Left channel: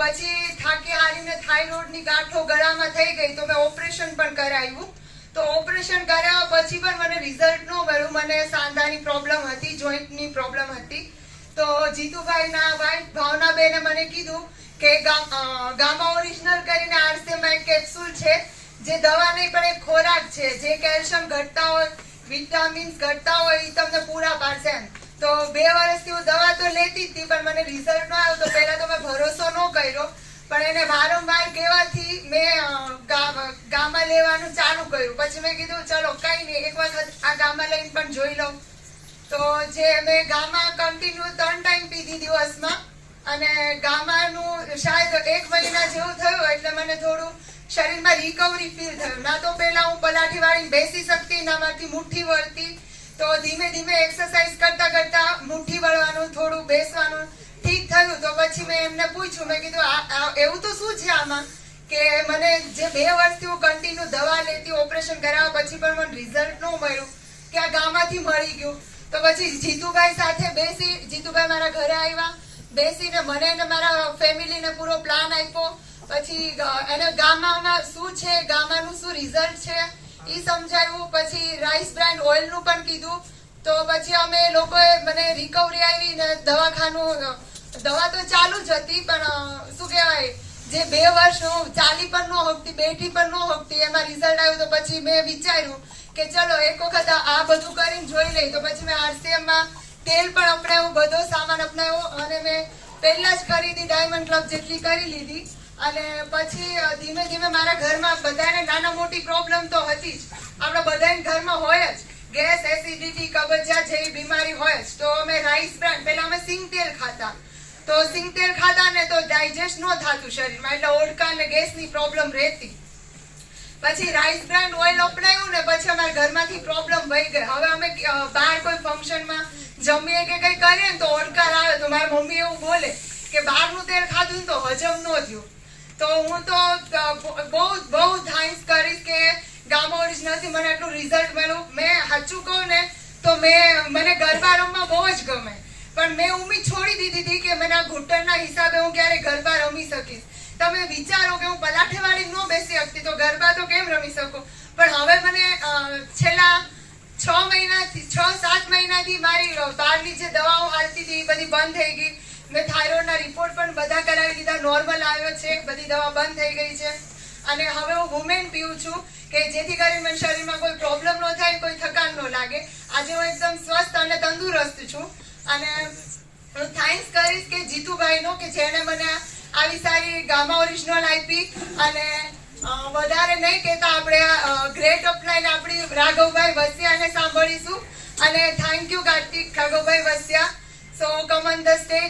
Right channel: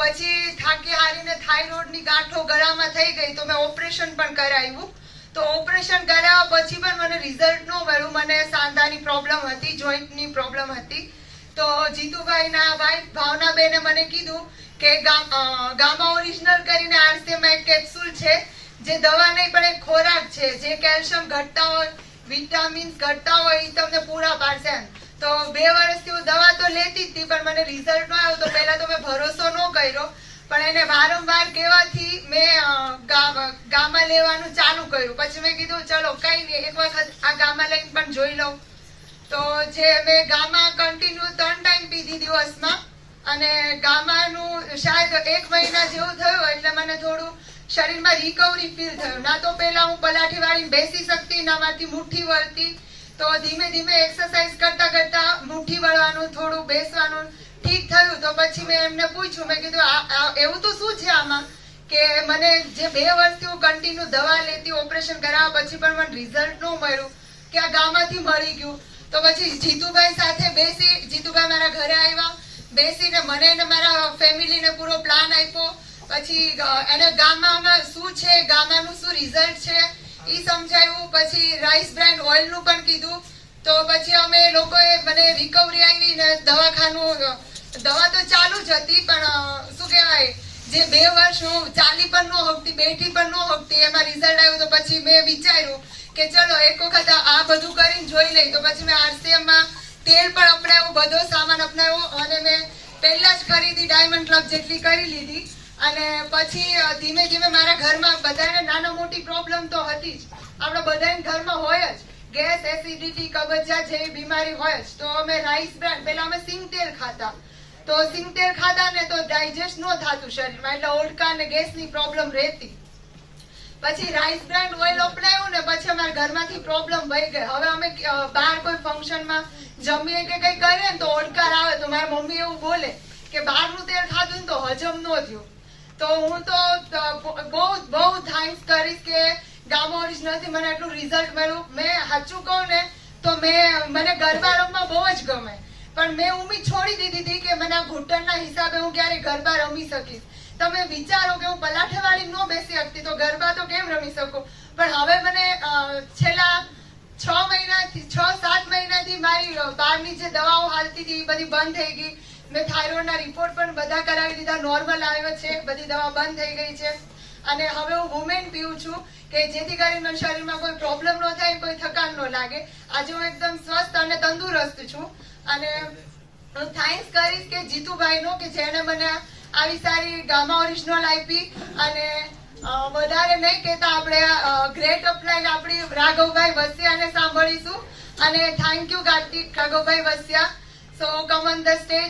પછી થાકી હારીને થાઇરોઇડની ગાંઠો ગળામાં થઈ ગઈ તો મેં ઓપરેશન પણ કરાવ્યું. તો ઓપરેશન કરાવ્યા પછી પણ મને રિઝલ્ટ ન મળ્યું. મને સાંધાની પ્રોબ્લેમ હતી, જોઈન્ટની પ્રોબ્લેમ હતી. તો જીતુભાઈના વાઇફ ભાવનાબેને મને કીધું કે ગામા ઓરિજિનલ કરીને આરસીએમમાં એક કેપ્સ્યુલ છે, જે દવા નહીં પણ એક ખોરાક છે, જે કેલ્શિયમ ઘટતા હોય, વિટામિન્સ ઘટતા હોય એ તમને પૂરા પાડશે એમ. તો 2 વર્ષથી હું દવા તો લેતી જ હતી, પણ મને રિઝલ્ટ ન આવ્યો. તો પહેલા તો મેં ભરોસો ન કર્યો, પણ એને વારંવાર કહેવાથી મેં ગામા લેવાનું ચાલુ કર્યું. પછી મેં કીધું ચલો કઈ નહીં, એક વખત આ ગામા લઈને પણ જોઈ લઉં. તો જે મેં ગામા કન્ટિન્યુ 3 ટાઈમ પીધી દિવસમાં, અને ગામાનું શાયદ 1 મહિના જેવું થયું એટલે મને થોડું શરીરમાં રિકવરી ફીલ થયું. ના તો પહેલા હું પલાઠી વાળીને બેસી શકતી, ના મારથી મુઠ્ઠી વળતી. તો ધીમે ધીમે એક્સરસાઇઝ કરતા કરતા મુઠ્ઠી વળવાનું, થોડું બેસવાનું ઠીક થયું. તો પછી મેં એમને પૂછ્યું, મેં કીધું એવું તો શું છે આમાં કે મને જે 2 વર્ષથી હું કન્ટિન્યુ દવા લેતી, ઓપરેશન કરાવ્યા પછી પણ મને રિઝલ્ટ ન મળ્યું, કે આ ગામમાંથી મળી ગયું. તો પછી જીતુભાઈ સાથે બેસી, જીતુભાઈ મારા ઘરે આવ્યા, બેસીને મને ને મારા ફેમિલીને પૂરો પ્લાન આપ્યો. પછી એને ગામામાં શું છે, ગામાનું શું રિઝલ્ટ છે એ સમજાવ્યું. પછી રાઈસ બ્રાન્ડ ઓઇલનું પણ કીધું. તો પછી અમે લોકોએ મને રિકવરી આવી ને દવાખાનું, દવા તો ચાલુ જ હતી, પણ શું કહેવાય, જે 2 વર્ષ હું ચાલી પણ ન શકતી, બેઠી પણ ન શકતી, એમાં રિઝલ્ટ આવ્યું. તો પછી મેં વિચાર્યું કે ચલો એક વખત આ બધું કરીને જોઈ લઈ. તો પછી મેં આરસીએમમાં તેલ પણ અપનાવ્યું, બધો સામાન અપનાવ્યો, અને મેં પહેલા જ ખરીદી ડાયમંડ ક્લબ જેટલી કરી લીધી. અને પછી ધીમે ધીમે મારા ઘરમાં બધાને નાના મોટી પ્રોબ્લેમ તો હતી જ, આપણા બધાના ઘરમાં હોય જ, ગેસ, એસિડિટી, કબજિયાત જેવી બીમારી હોય જ. તો અમે રાઈસ બ્રાન્ડ, પહેલા અમે સિંગ તેલ ખાતા, તો સિંગ તેલ ખાતા ને તો ડાયજેસ્ટ ન થતું શરીરમાં, એટલે ઓડકા ને ગેસની પ્રોબ્લેમ રહેતી. પછી રાઈસ બ્રાન્ડ ઓઇલ અપનાવ્યું ને પછી અમારા ઘરમાંથી પ્રોબ્લેમ વહી ગઈ. હવે અમે બહાર કોઈ ફંક્શનમાં જમીએ કે કઈ કરીએ ને તો ઓડકાર આવે, તો મારી મમ્મી એવું બોલે કે બહારનું તેલ ખાધું તો હજમ ન થયું. તો હું તો બહુ થેન્ક્સ કરીશ કે ગામા ઓરિજિનલથી મને આટલું રિઝલ્ટ મળ્યું. મેં સાચું કહું ને તો મને ગરબા રમવા બહુ જ ગમે, પણ મેં ઉમ્મીદ છોડી દીધી હતી કે મને આ ઘૂંટણના હિસાબે હું ક્યારે ગરબા રમી શકીશ. તમે વિચારો કે હું પલાઠે વાળી ન બેસી શકતી તો ગરબા તો કેમ રમી શકું. પણ હવે મને છેલ્લા 6-7 મહિનાથી મારી બહારની જે દવાઓ હાલતી હતી એ બધી બંધ થઈ ગઈ. મેં થાઇરોઇડના રિપોર્ટ પણ બધા કરાવી લીધા, નોર્મલ આવ્યો છે, બધી દવા બંધ થઈ ગઈ છે. અને હવે હું વુમેન પીવું છું કે જેથી કરીને મને શરીરમાં કોઈ પ્રોબ્લેમ ન થાય, કોઈ થકાન ન લાગે. આજે હું એકદમ સ્વસ્થ અને તંદુરસ્ત છું. અને હું થેન્ક્સ કરીશ કે જીતુભાઈનો, કે જેણે મને આવી સારી ગામા ઓરિજિનલ આપી. અને વધારે નહીં કહેતા આપણે ગ્રેટ અપલાઈન આપણી રાઘવભાઈ વસિયાને સાંભળીશું. અને thank you Kartik Raghavbhai Vasiya. So come on the stage.